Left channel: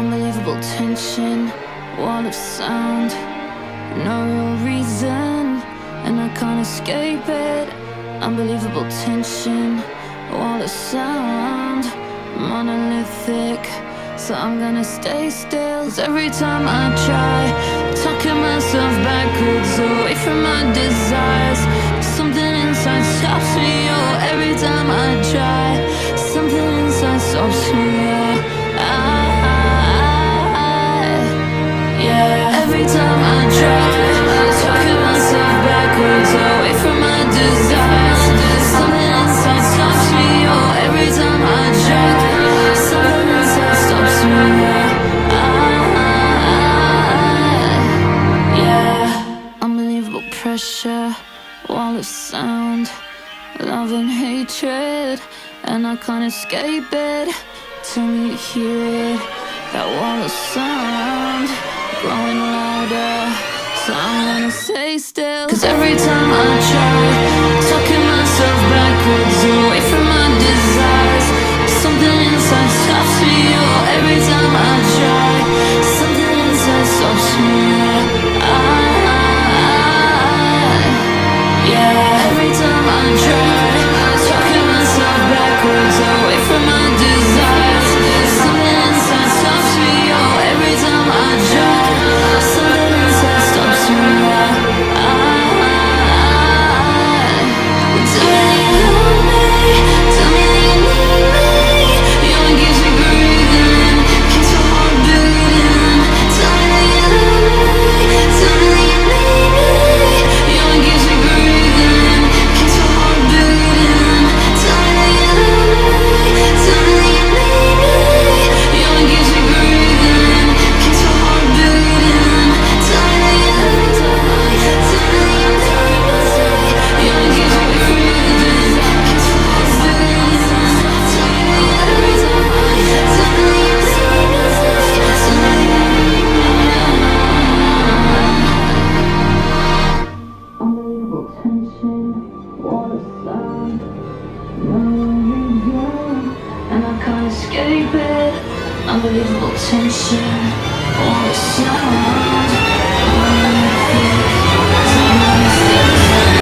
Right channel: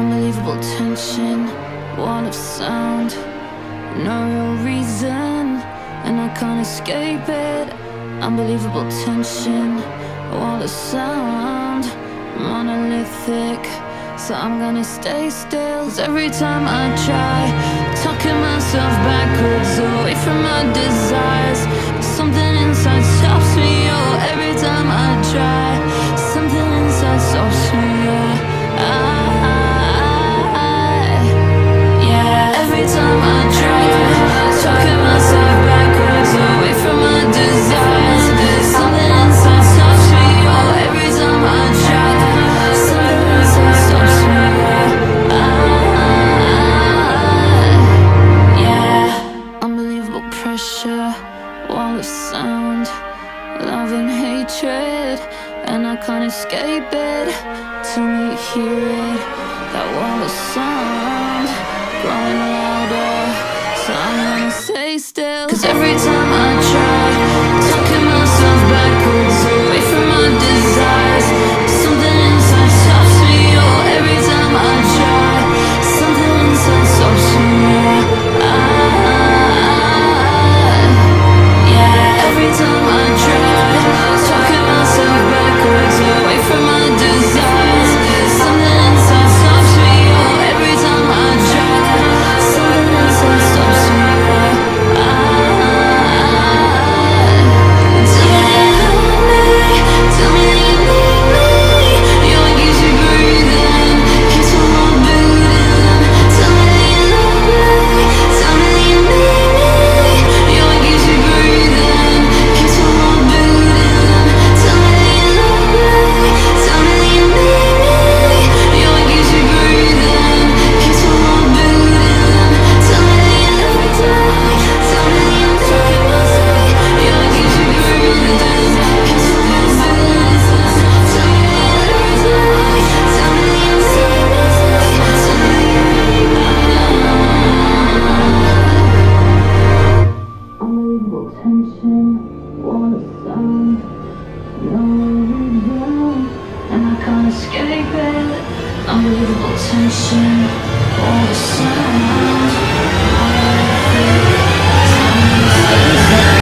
Unbelievable tension, wall of sound, no real reason, and I can't escape it. Unbelievable tension, wall of sound, monolithic, so I'm gonna stay still. 'Cause every time I try, talking myself backwards away from my desires, something inside stops me. Oh, every time I try, something inside stops me. Yeah, every time I try, talking myself backwards away from my desires, something inside stops me. Oh, every time I try, something inside stops me. Yeah, unbelievable pressure, wall of sound, love and hatred, and I can't escape it. Till you hear it, that wall of sound growing louder, so I'm gonna stay still. 'Cause every time I try, talking myself backwards away from my desires, something inside stops me. Oh, every time I try, something inside stops me. Yeah, every time I try, talking myself backwards away from my desires, something inside stops me. Oh, every time I try, something inside stops me. Tell me that you love me, tell me that you need me. You're what keeps me breathing, keeps my heart beating. Tell me that you love me, tell me that you need me. You're what keeps me breathing, keeps my heart beating. Tell me that you love me, tell me that you need me. You're what keeps me breathing, keeps my heart beating. Tell me that you love me, tell me that you need me. You're what keeps me breathing, keeps my heart beating. Tell me that you every time, tell me that you need me. Tell me that you need me. Unbelievable tension, wall of sound, no reason, and I can't escape it. Unbelievable tension, wall of sound.